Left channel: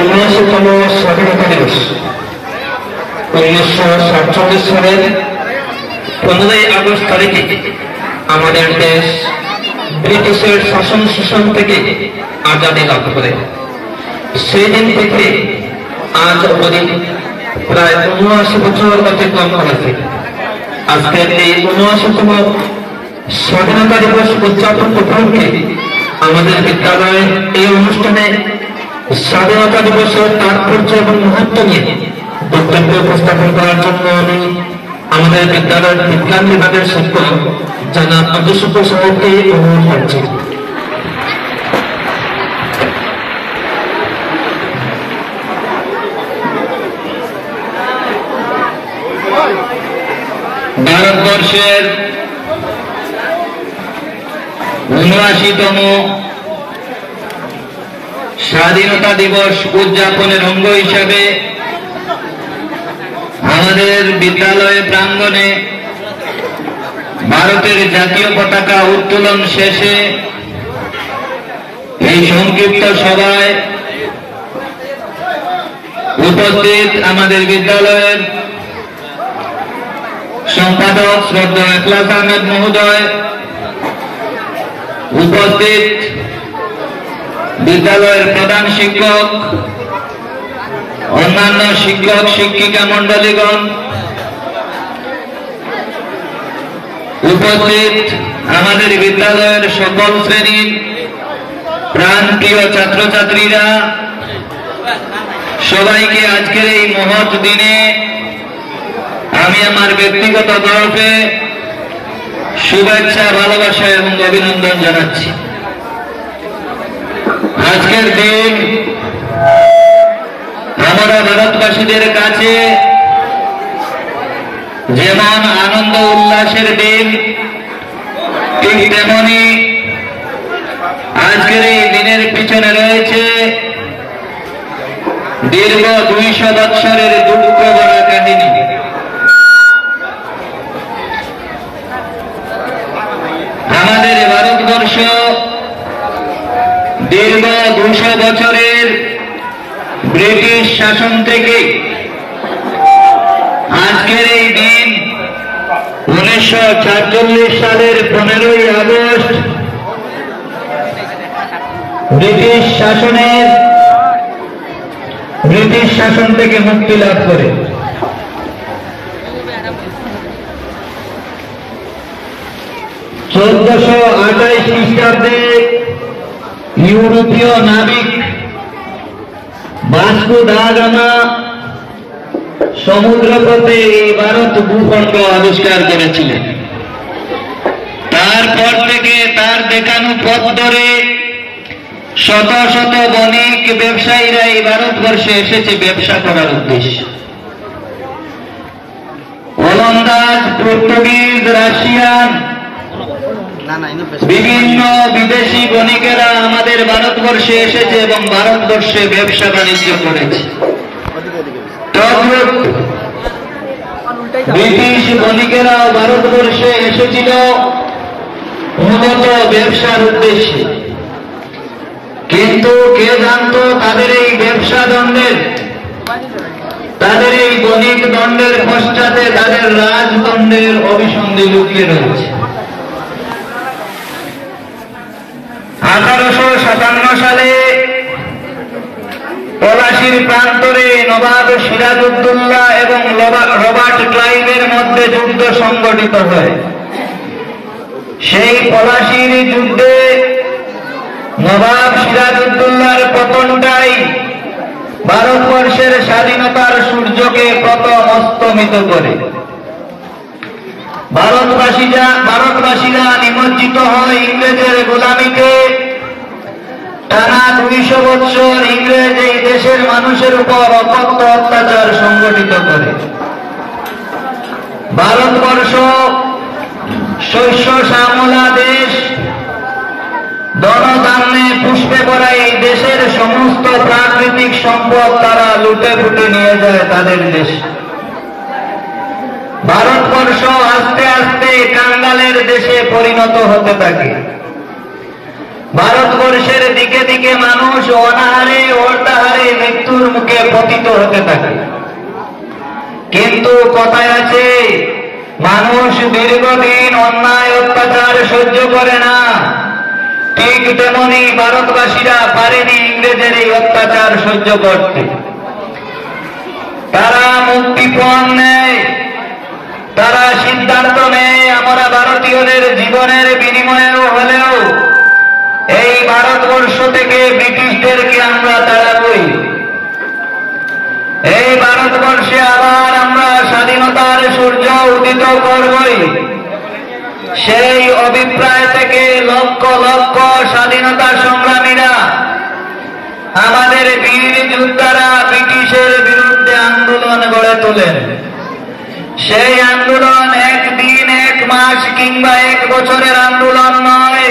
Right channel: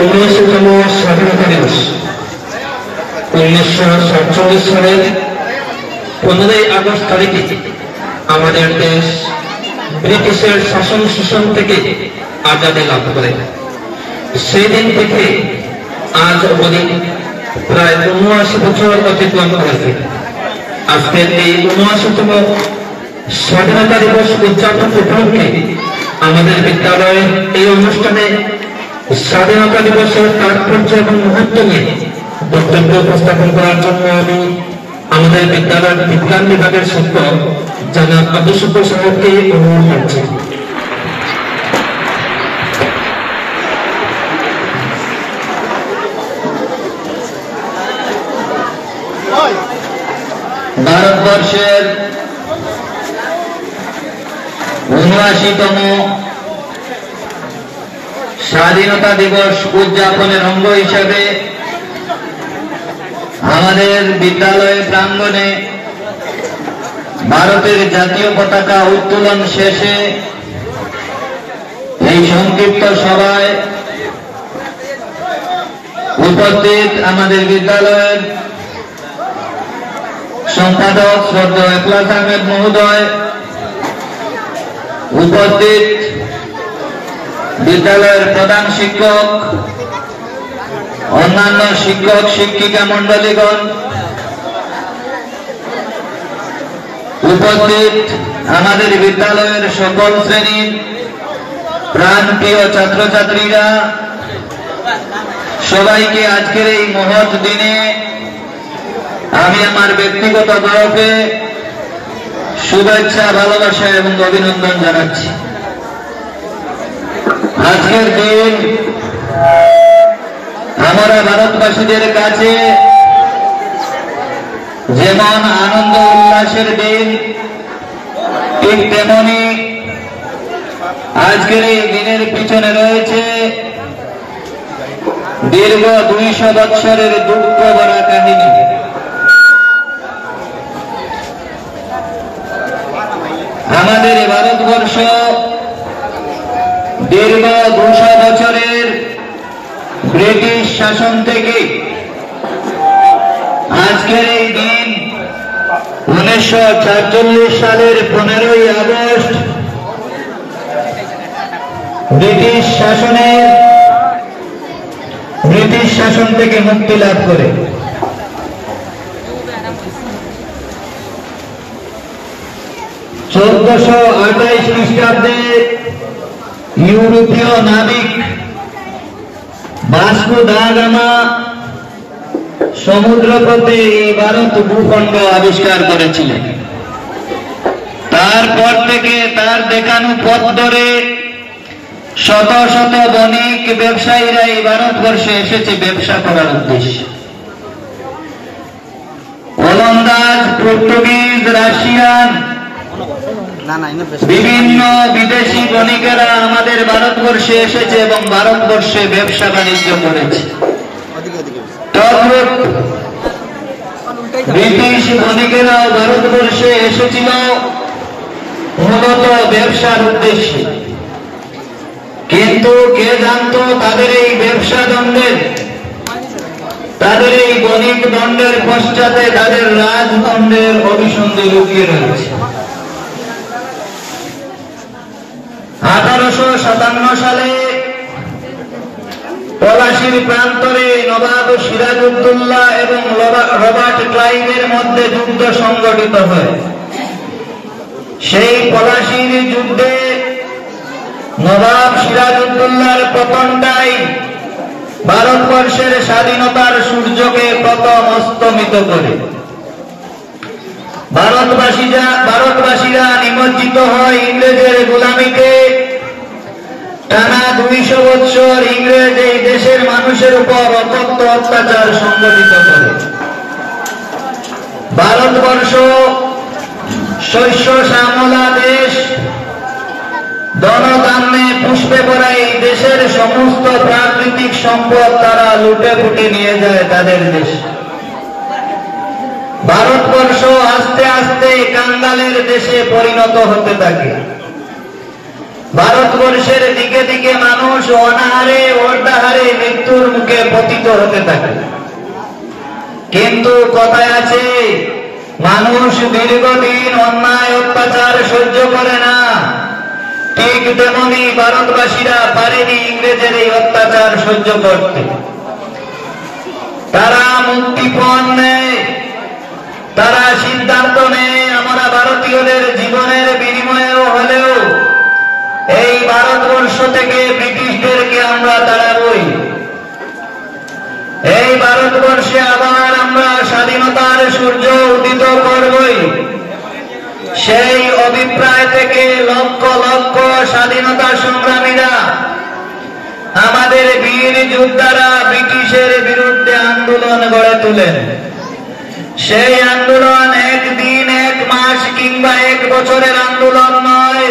19তম স্বাধীনতা দিবস 1947 সালের 15ই আগস্ট তারিখে আমাদের দেশ ব্রিটিশের শাসন শোষণ থেকে আজাদী লাভ করে। সেই দিন থেকে আজ অবধি প্রায় 79 বছর অতিক্রম করেছে। আজকের এই 79তম স্বাধীনতা দিবস উদযাপন উপলক্ষে আমাদের বিদ্যালয়ের এই অনুষ্ঠানে স্বাধীনতা দিবসের তাৎপর্য এবং মহত্ব নিয়ে বক্তব্য উপস্থাপন করার জন্য আমি আমাদের বিদ্যালয়ের বিজ্ঞান বিভাগের শিক্ষক জনাব আব্দুল শুকুর সাহেবকে অনুরোধ করছি। ভারতবর্ষের 79তম স্বাধীনতা দিবস উদযাপনের অঙ্গ হিসেবে আমাদের বিদ্যালয় প্রাঙ্গণে ভারতের জাতীয় পতাকা উত্তোলন শেষে এই সংক্ষিপ্ত সভায় উপস্থিত আমাদের বিদ্যালয়ের সম্পাদক শ্রদ্ধেয় ইখলাস আহমেদ মহোদয়, উপস্থিত বিদ্যালয়ের প্রধান শিক্ষক, অন্যান্য শিক্ষক শিক্ষিকা মন্ডলীগণ, উপস্থিত আমাদের বিদ্যালয়ের সকল শ্রেণীর প্রাণপ্রিয় ছাত্রছাত্রীরা, সবাইকে আজকের এই মহৎ দিনে আমি আমার ব্যক্তিগত তরফে শুভেচ্ছা, ভালোবাসা এবং অভিনন্দন জানাচ্ছি। আজকের দিন আমরা ভারতবাসীদের কাছে যেমন আনন্দ উল্লাসের দিন, ঠিক তেমনি আজকের এই দিনের পিছনে রয়েছে দীর্ঘ 200 বৎসরের দুঃখ ভরা কাহিনী। আমাদের ভারতবর্ষ দীর্ঘ 200 বছরের ব্রিটিশ শাসন থেকে আজকের এই দিন 1947 সালের 15ই আগস্ট ব্রিটিশ শাসন থেকে মুক্তি লাভ করে। 1428 খ্রিস্টাব্দে ইউরোপীয় নাবিক ভাস্কো দা গামা সমুদ্রপথে ভারত ভূখণ্ড আবিষ্কার করেছিলেন। তারপর থেকে তার দেখানো পথ ধরে শত শত বণিক ব্যবসায়ীরা এই ভারতবর্ষে এসেছে ব্যবসা করার উদ্দেশ্যে। ওলন্দাজ, পর্তুগিজ, রাশিয়ান, বিভিন্ন বিদেশি বণিকেরা আমাদের ভারতবর্ষে এসেছে এবং ভারতবর্ষে ব্যবসা বাণিজ্য করেছে। ব্রিটিশ বণিকেরা ভারতবর্ষে এসেছিল মূলত ব্যবসার উদ্দেশ্যে, কিন্তু কে জানতো তাদের এই ব্যবসা দণ্ডের, তাদের এই বণিক দণ্ডের পশ্চাতে তাদের রাজদণ্ডের অভিসন্ধি লুকিয়ে রয়েছে। 1857 সালে পলাশীর প্রান্তরে নবাব সিরাজউদ্দৌলা এবং রবার্ট ক্লাইভের মধ্যে যুদ্ধ সংঘটিত হয়। সেই পলাশীর যুদ্ধে নবাব সিরাজউদ্দৌলার পতনটাই ভারতবর্ষের স্বাধীনতার সূর্যকে প্রথম অস্তমিত করে। ভারতবাসীরা নিমজ্জিত হয় ইংরেজের গোলামিতে। টানা 200 বৎসর ইংরেজ এই দেশের মানুষের উপর অকথ্য অত্যাচার সংগঠিত করে। ভারতবর্ষ শস্য শ্যামলা দেশ, ধনধান্যে পুষ্পে ভরা এই দেশের সমস্ত প্রাকৃতিক সম্পদ তারা লুটে ফুটে নিয়ে যায় তাদের দেশ। ভারতবর্ষ আস্তে আস্তে কাঙ্গালের দেশে পরিণত হতে থাকে। ভারতবর্ষের দিকে দিকে মানুষ অনাহারে অর্ধাহারে মৃত্যু পতিত হতে থাকে। কিন্তু কথায় আছে, মানুষ দীর্ঘদিন অন্যায় অত্যাচার সহ্য করে না, ঠিক তেমনি ভারতবাসীরা পারেনি ইংরেজের এই অত্যাচার সহ্য করতে। তারা মুক্তিপণ নেয়, তারা সিদ্ধান্ত নেয় আমরা ভারতীয়দের জীবনের বিনিময়েও হলেও এই ভারতবর্ষ থেকে ব্রিটিশদেরকে আমরা তাড়াবই, এই ভারতবর্ষে আবার আমরা স্বাধীনতার সূর্য উদিত করবই। সেই অভিপ্রায় থেকে লক্ষ লক্ষ স্বাধীনতা সংগ্রামীরা, আমাদের বীর যোদ্ধারা ব্রিটিশের বিরুদ্ধে আন্দোলন গড়ে তোলেন। সেই আন্দোলন একদিন, এক মাস কিংবা এক বছরের আন্দোলন নয়,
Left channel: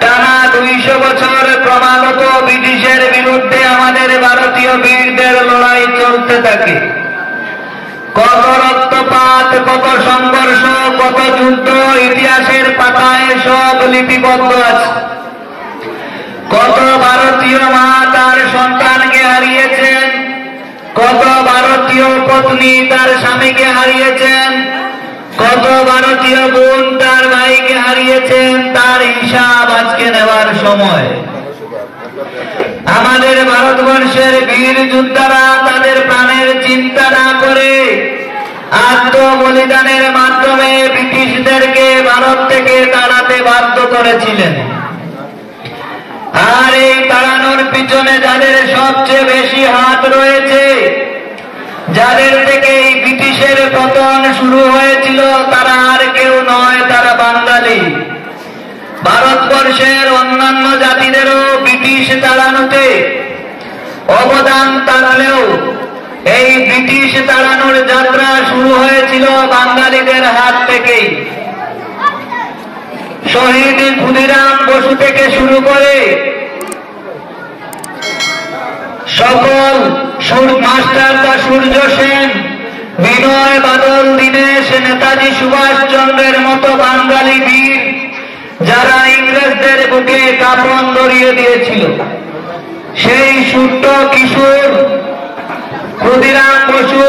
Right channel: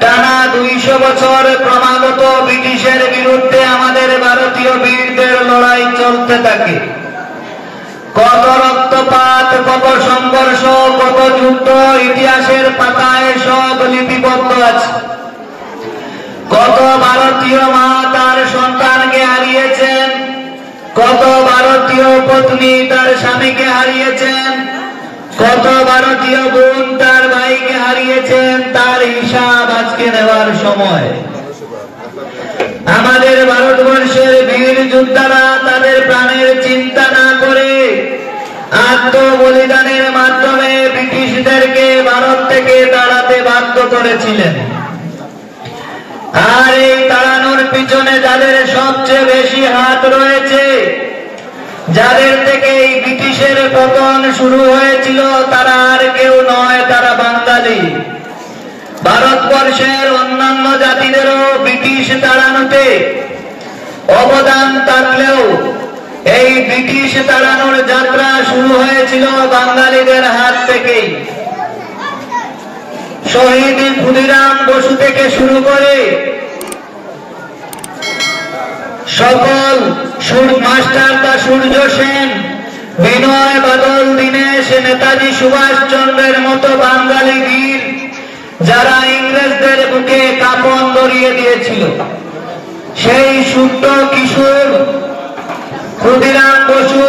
টানা 200 বছর ক্রমাগত ব্রিটিশের বিরুদ্ধে আমাদের ভারতীয় বীরদের লড়াই চলতে থাকে। কত রক্তপাত, কত সংঘর্ষ, কত যুদ্ধ ইতিহাসের পাতায় সব লিপিবদ্ধ আছে। কত ভারতীয় মা তার সন্তানকে হারিয়েছেন, কত ভারতীয় পত্নী তার স্বামীকে হারিয়েছেন, কত ভারতীয় বোন তার ভাইকে হারিয়েছেন, তার হিসাব আজকে নেওয়ার সময়। আমাদের ভারতবর্ষের বীর যোদ্ধারা তাদের প্রাণের চিন্তা না করে আত্মবলিদানের মাধ্যমে ব্রিটিশদেরকে ভারত থেকে তাড়াতে বাধ্য করেছিলেন। আর এই তাড়ানোর পিছনে যাদের সবচেয়ে বেশি হাত রয়েছে, যাদের থেকে এই ব্রিটিশের পতন শুরু হয়েছিল, তারা আর কেউ নয়, তারা বাঙালি। ভারতবর্ষের অন্যান্য জাতিদেরও ব্রিটিশ তাড়ানোতে অবদান থাকলেও এই ব্রিটিশ তাড়ানোর যাত্রা শুরু হয়েছিল বাঙালিদের হাত থেকেই। শহীদ ক্ষুদিরাম বসু থেকে শুরু করে সকল মাস্টারদা সূর্য সেন, বিনয় বাদল দীনেশ, নেতাজি সুভাষ চন্দ্রের মতো বাঙালি বীর যারা ইংরেজদের বুকে কাঁপন ধরিয়ে দিয়েছিল, সেই সুপ্ত কিশোর ক্ষুদিরাম বসু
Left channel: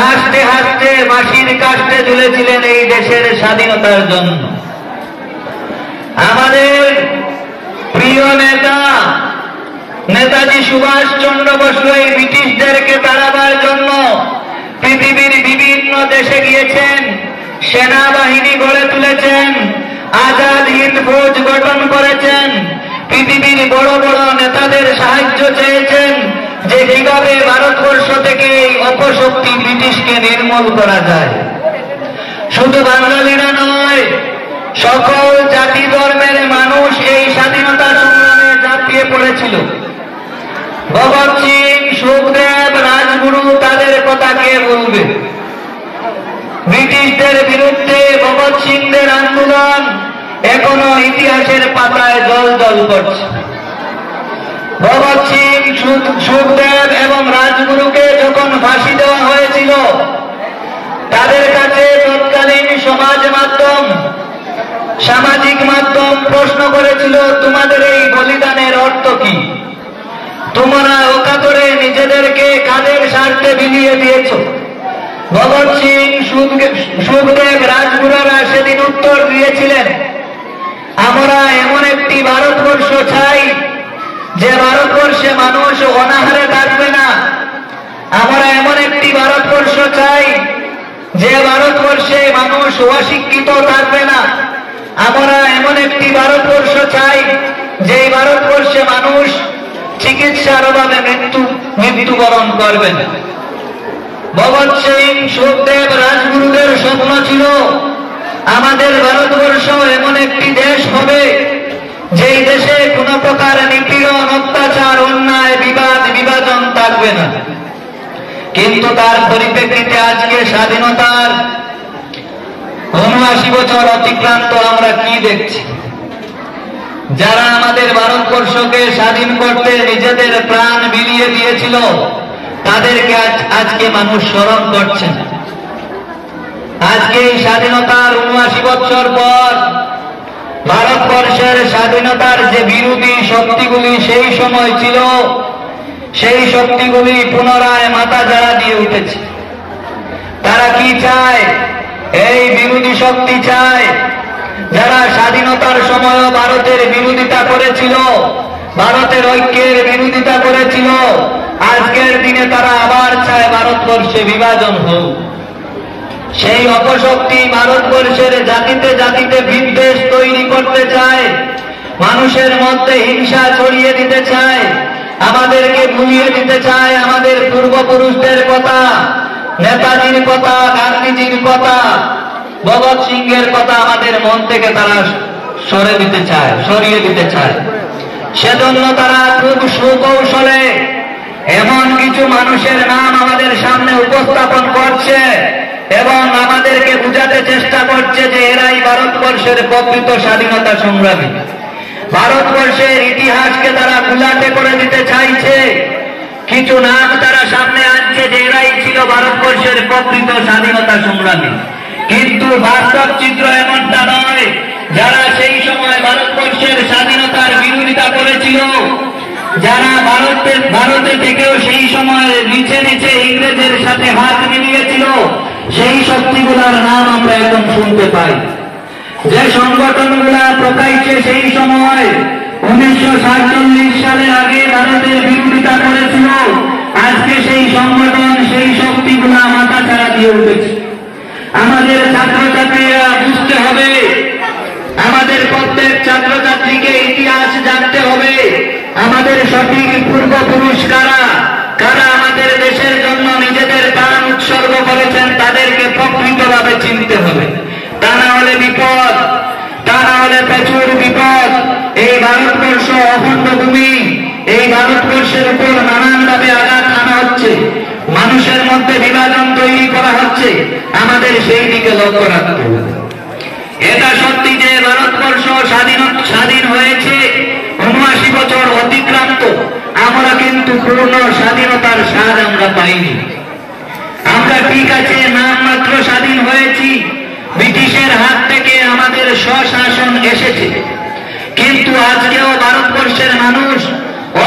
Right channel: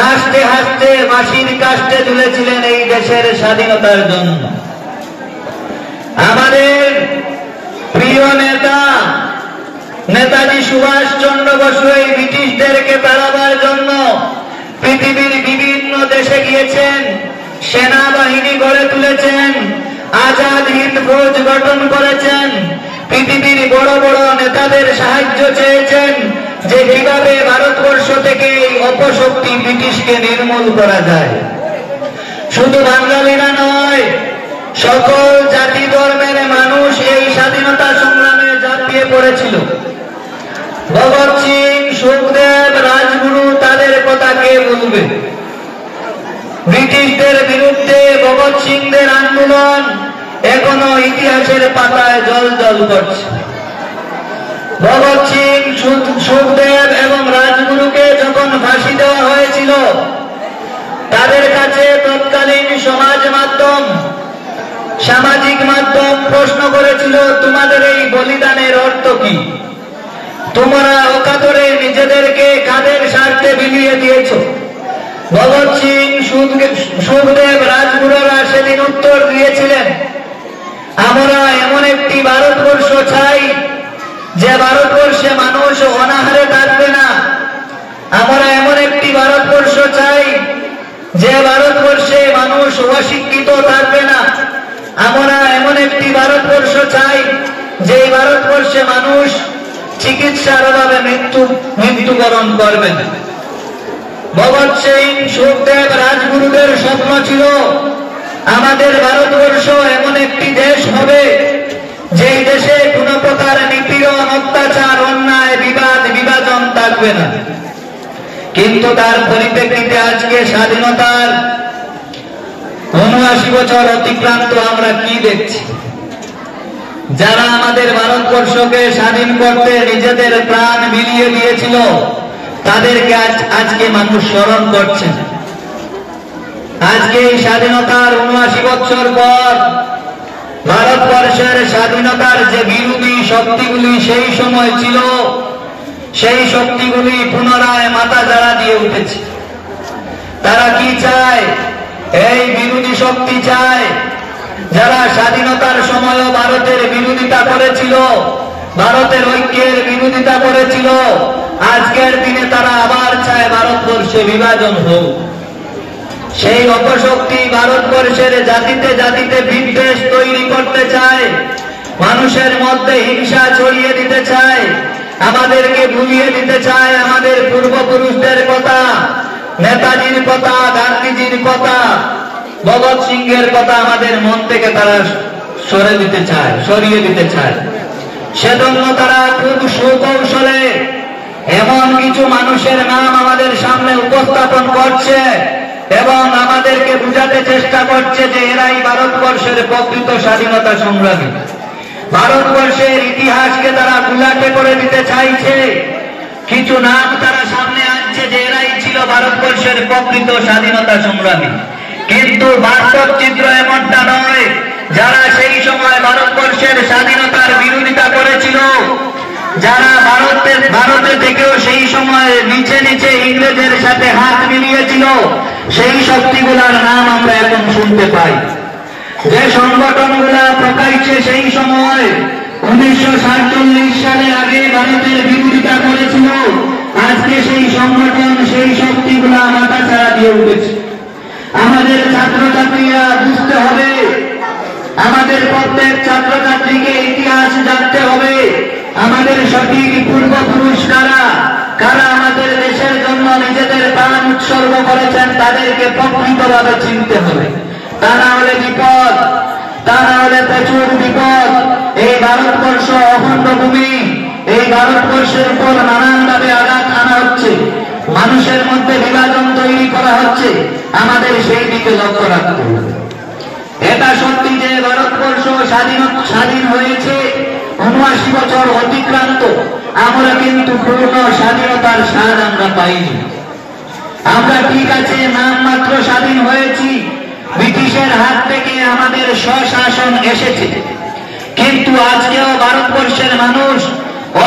হাসতে হাসতে মাসির কাষ্টে তুলেছিলেন এই দেশের স্বাধীনতার জন্য। আমাদের প্রিয় নেতা নেতাজি সুভাষ চন্দ্র বসু এই ব্রিটিশদেরকে তাড়াবার জন্য পৃথিবীর বিভিন্ন দেশে গিয়েছেন, সেনাবাহিনী গড়ে তুলেছেন, আজাদ হিন্দ ফৌজ গঠন করেছেন, পৃথিবীর বড় বড় নেতাদের সাহায্য চেয়েছেন যে কিভাবে ভারতবর্ষ থেকে এই অপশক্তি ব্রিটিশকে নির্মূল করা যায়। শুধু বাঙালিরা নয়, সকল জাতি ধর্মের মানুষ এই স্বাধীনতা সংগ্রামে ঝাঁপিয়ে পড়েছিল। ভগৎ সিং, সুখদেব, রাজগুরু, তাদের কথা কে বলবে? ব্রিটিশদের বিরুদ্ধে ভগৎ সিংদের আন্দোলন এখনো ইতিহাসের পাতায় জল জল করছে। ভগৎ সিং, সুখদেব এবং রাজগুরুকে যখন ফাঁসি দেওয়া হয়েছিল, তাদের কাছে তৎকালীন সামাজিক মাধ্যম প্রশ্ন করেছিল, তোমাদের এই বলিদানের অর্থ কি? তোমরা অকাতরে নিজেদেরকে কাদের স্বার্থে বিলিয়ে দিয়েছ? ভগৎ সিং, সুখদেব, রাজগুরুরা সেদিন উত্তর দিয়েছিলেন, আমরা এমন একটি ভারতবর্ষ চাই যে ভারতবর্ষে মানুষ অনাহারে থাকবে না। আমরা এমন একটি ভারতবর্ষ চাই যে ভারতবর্ষে মানুষ অশিক্ষিত থাকবে না। আমরা এমন একটি ভারতবর্ষ চাই যে ভারতবর্ষে মানুষ চিকিৎসার অভাবে মৃত্যুবরণ করবে না। ভগৎ সিং, সুখদেব, রাজগুরুদের স্বপ্ন ছিল আমাদের ভারতবর্ষ এমন একটি দেশ হবে যেই দেশে কোন প্রকার নিপীড়ন, অত্যাচার, অন্যায়, বিভাজন থাকবে না। কিন্তু তার পরিপ্রেক্ষিতে আজকে স্বাধীনতার ৭৯ বছর অতিক্রান্ত আমরা কি দেখছি? যারা আমাদের ভারতবর্ষকে স্বাধীন করতে নিজেদের প্রাণ বিলিয়ে দিয়েছিল, তাদেরকে আজকে মানুষ স্মরণ করছেন। আজকে এই স্বাধীনতার ৭৯ বছর পর ভারতবর্ষের স্বাধীনতার যে বিরোধী শক্তিগুলি সেই সময় ছিল, সেই শক্তিগুলি পুনরায় মাথা ঝাড়া দিয়ে উঠেছে। তারা কি চায়? এই বিরোধী শক্তি চায় যারা স্বাধীনতার সময়ও ভারতের বিরোধিতা করেছিল, ভারতের ঐক্যের বিরোধিতা করেছিল, আজকের দিনে তারা আবার চায় ভারতবর্ষে বিভাজন হোক। সেই অপশক্তি ভারতবর্ষের জাতিতে জাতিতে বিদ্বেষ তৈরি করতে চায়, মানুষের মধ্যে হিংসা ছড়িয়ে দিতে চায়, আমাদেরকে ভুলিয়ে দিতে চায় আমাদের পূর্বপুরুষদের কথা, নেতাজির কথা, গান্ধীজির কথা, ভগৎ সিংহের কথা আমাদের মন থেকে তারা সরিয়ে দিতে চায়। সেজন্য তারা খুব সুকৌশলে এমন কিছু মানুষের নাম আমাদের সামনে উপস্থাপন করছে এবং আমাদেরকে বুঝাতে চেষ্টা করছে যে এরাই ভারতবর্ষের প্রকৃত স্বাধীনতা সংগ্রামী। ভারতবর্ষের ইতিহাসকে তারা গুলাটে করে দিতে চাইছে। কিছু নাম তারা সামনে আনছে যে এরাই ছিল ভারতবর্ষের প্রকৃত স্বাধীনতা সংগ্রামী, কিন্তু বাস্তব চিত্র এমনটা নয়। যারা সেই সময় ভারতবর্ষের স্বাধীনতার বিরোধিতা করেছিল, যারা ভারতে থেকেও সেই সময় নিচে নিচে ইংরেজের সাথে হাত মিলিয়েছিল, সেই শক্তিগুলোর নাম আমরা এখন শুনতে পাই। যে সংগঠনগুলা প্রকাশ্যে সেই সময় 1947 সালের আগে ভারতের বিরোধিতা করেছিল, আজকে সেই সংগঠন সেই শক্তিগুলা মাথা ছাড়া দিয়ে উঠেছে। আমাদের ছাত্রছাত্রীরা বুঝতে হবে, আমাদের প্রত্যেক ছাত্রছাত্রীকে ইতিহাস জানতে হবে, আমাদের সঠিক পূর্বপুরুষ কারা, কারা আমাদের দেশের জন্য নিজেদের প্রাণ উৎসর্গ করেছেন, তাদেরকে প্রকৃতভাবে চিনতে হবে। তা না হলে বিপদ, তা না হলে প্রচুর বিপদ। এই ভারতবর্ষ অখণ্ড ভূমি, এই ভারতবর্ষের উপর নানানভাবে আঘাত আনা হচ্ছে, মানুষের মধ্যে বিভাজন তৈরি করা হচ্ছে, আমাদের সেই দিকে লক্ষ্য রাখতে হবে। এটা সত্যি যে ভারতবর্ষ স্বাধীন হয়েছে, ৭৯ বছর অতিক্রান্ত, আমরা কিন্তু পূর্ণ স্বাধীনতার স্বাদ আমরা পাইনি। আমরা ঠিক আছে নামমাত্র স্বাধীন হয়েছি, ব্রিটিশের হাত থেকে আমাদের স্বশাসন এসেছে, কিন্তু আজকেও ভারতবর্ষের মানুষ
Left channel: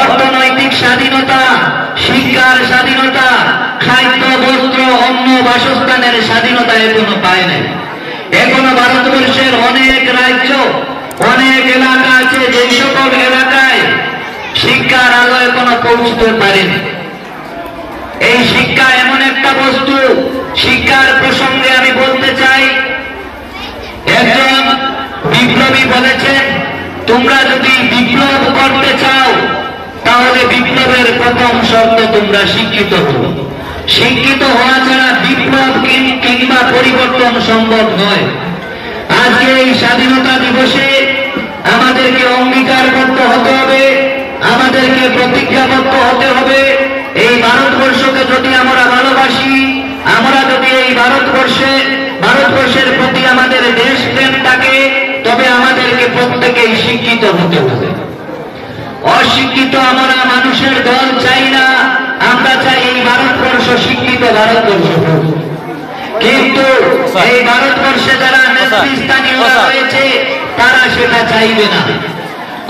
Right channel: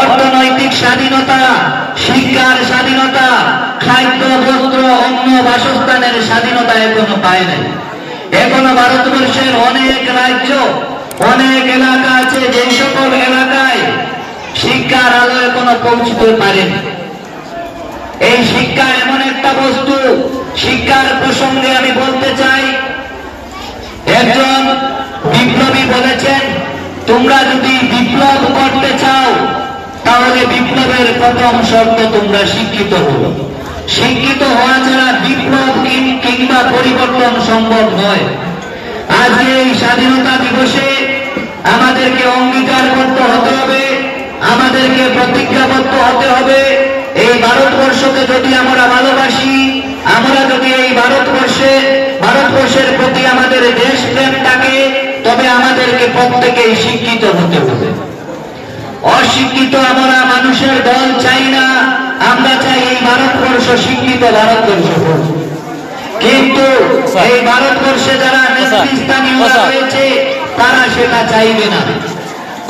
অর্থনৈতিক স্বাধীনতা, শিক্ষার স্বাধীনতা, খাদ্য, বস্ত্র, অন্ন, বাসস্থানের স্বাধীনতা এখনো পায়নি। এখনো ভারতবর্ষের অনেক রাজ্য, অনেক এলাকা আছে, যে সকল এলাকায় শিক্ষার আলো এখনো পৌঁছতে পারেনি। এই শিক্ষা এমন একটা বস্তু, শিক্ষার প্রসঙ্গে আমি বলতে চাই, একজন বিপ্লবী বলেছেন, তোমরা যদি বিপ্লব করতে চাও তাহলে বিপ্লবের প্রথম শর্ত তোমরা শিক্ষিত হও। শিক্ষিত হওয়া ছাড়া বিপ্লব কিংবা পরিবর্তন সম্ভব নয়। আজকে এই স্বাধীনতা দিবসে আমাদেরকে অঙ্গীকারবদ্ধ হতে হবে, আমাদেরকে প্রতিজ্ঞাবদ্ধ হতে হবে। এই ভারতবর্ষকে যদি আমরা ভালোবাসি, আমরা যদি এই ভারতবর্ষের প্রতি আমাদের দেশপ্রেম থাকে, তবে আমাদেরকে প্রত্যেকেই শিক্ষিত হতে হবে। অশিক্ষিত আমরা মানুষের দল চাই না, আমরা চাই এই ভারতবর্ষ শিক্ষিত ভারতবর্ষ হোক। কিন্তু এই ভারতবর্ষে যারা নেতৃস্থানীয় রয়েছে তারা সেটা চাইবে না।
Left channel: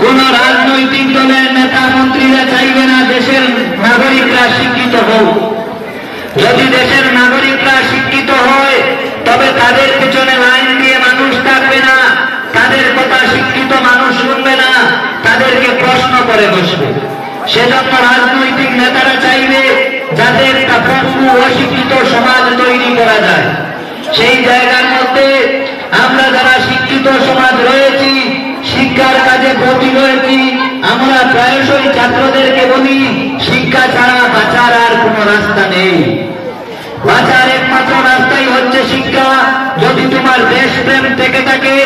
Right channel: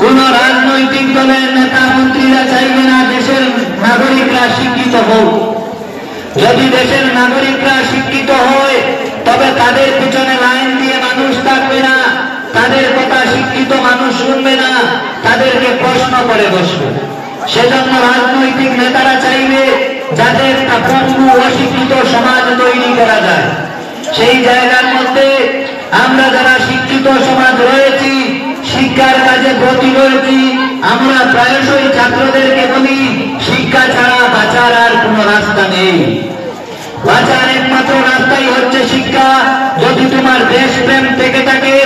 কোন রাজনৈতিক দলের নেতা মন্ত্রীরা চাইবে না দেশের নাগরিকরা শিক্ষিত হোক। যদি দেশের নাগরিকরা শিক্ষিত হয় তবে তাদের পিছনে লাইন দিয়ে মানুষ থাকবে না, তাদের কথা শিক্ষিত মানুষ শুনবে না, তাদেরকে প্রশ্ন করে বসবে। সেজন্য রাজনৈতিক নেতারা চাইবে যাতে একটা পঙ্গু অশিক্ষিত সমাজ তৈরি করা যায়। সেই জায়গার মধ্যে আমরা যারা শিক্ষিত সমাজ রয়েছি, শিক্ষার কাজে ব্রতী রয়েছি, আমরা প্রায়শই ছাত্রদেরকে বলি শিক্ষা ছাড়া বাঁচার আর কোন রাস্তা নেই। বাঁচার একমাত্র রাস্তাই হচ্ছে শিক্ষা। যদি তোমার দেশপ্রেম থেকে থাকে,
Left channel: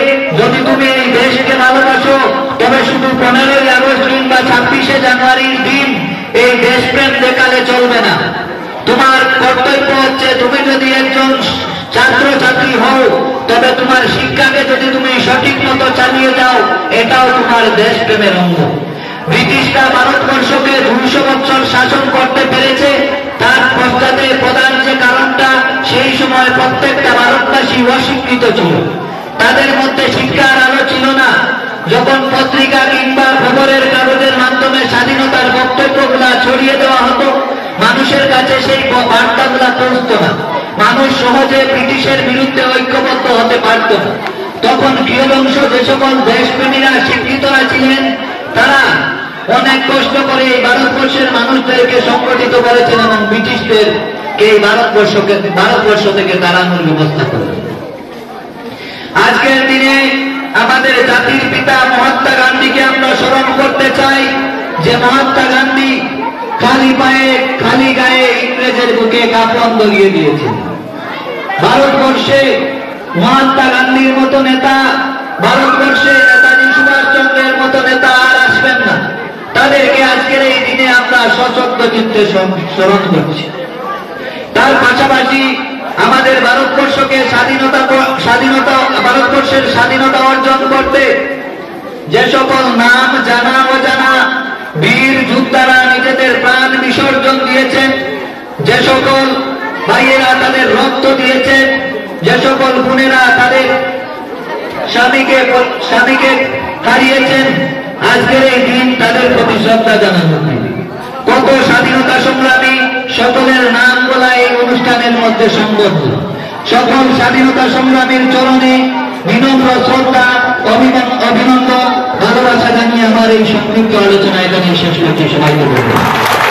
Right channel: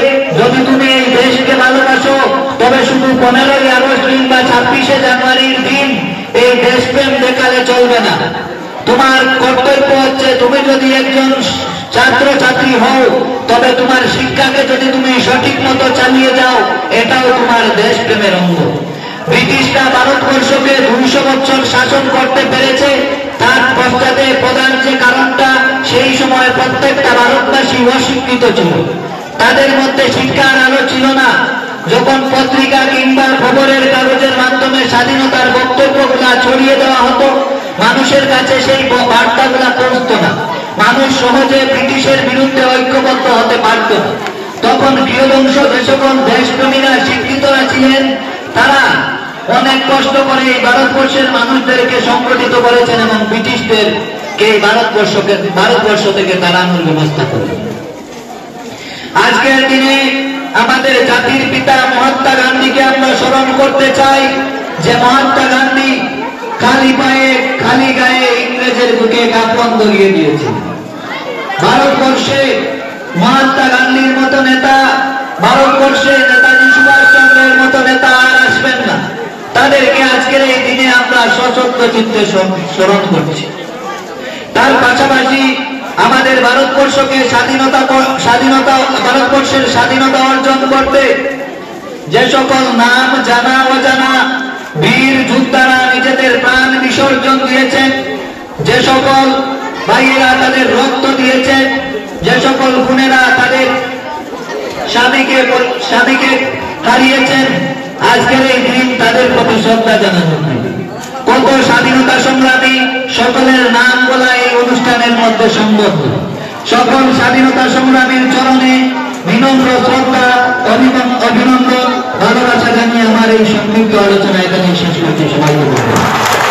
যদি তুমি এই দেশকে ভালোবাসো, তবে শুধু 15ই আগস্ট কিংবা 26শে জানুয়ারির দিন এই দেশপ্রেম দেখালে চলবে না। তোমার কর্তব্য হচ্ছে, তুমি যদি একজন ছাত্রছাত্রী হও তবে তোমার শিক্ষাকে যদি তুমি সঠিক মতো চালিয়ে যাও, এটাও তোমার দেশপ্রেমের অঙ্গ। ব্রিটিশরা ভারতবর্ষকে 200 বছর শাসন করতে পেরেছে, তার পশ্চাতে প্রধান যে কারণটা, সেই সময় প্রত্যেকটা ভারতবাসী অশিক্ষিত ছিল, তাদের মধ্যে শিক্ষার আলো ছিল না। যখন পত্রিকা কিংবা খবরের কাগজের মাধ্যমে স্বাধীনতার বক্তব্যগুলা ছড়িয়ে দেওয়া মানুষের কাছে সেই বার্তাগুলা পৌঁছত না। মানুষ সহজে ব্রিটিশের বিরুদ্ধে ঐক্যবদ্ধ হতে পারত না। তখন কিয়দংশ যে সকল দেশপ্রেমীরা শিক্ষিতরা ছিলেন, তারা অনেক কষ্ট করে এই ভারতবর্ষের মানুষদেরকে সংগঠিত করেছেন এবং ব্রিটিশদেরকে এই ভারতবর্ষ থেকে তাড়ানোর ব্যবস্থা করেছেন। আজকের দিনে আমাদের জাতির পিতা মহাত্মা গান্ধীকে আমরা স্মরণ করতে চাই, যে মহাত্মা গান্ধী খালি পায়ে খালি গায়ে ইংরেজের বুকে কাফন ধরিয়ে দিয়েছেন। ভারতবর্ষে মহাত্মা গান্ধীর মতো নেতা, ভারতবর্ষে নেতাজি সুভাষ চন্দ্রের মতো নেতা আর আসবেন না। তাদেরকে আজকের এই দিনে আমরা সশব্দ চিত্তে স্মরণ করছি। তার পাশাপাশি আমাদের ভারতবর্ষকে ভারতবর্ষের স্বাধীনতা অর্জন করতে যে সকল নাম জানা অজানা বীর যোদ্ধারা নিজেদের প্রাণ বিসর্জন দিয়েছেন, যে সকল ভাইয়েরা তাদের রক্ত দিয়েছেন, যে সকল বোনেরা তাদের স্বামীকে হারিয়েছেন, আজকের এই দিন তাদের প্রতি শ্রদ্ধা জানানো। কত স্বাধীনতা সংগ্রামী সকলের নাম বলা এই অনুষ্ঠানের মধ্যে সম্ভব। সকল স্বাধীনতা সংগ্রামীর চরণে বিনম্র শ্রদ্ধা, অভিনন্দন, ভালোবাসা জানিয়ে আমার এই সংক্ষিপ্ত আলোচনা এখানে শেষ করছি। সবাইকে ধন্যবাদ।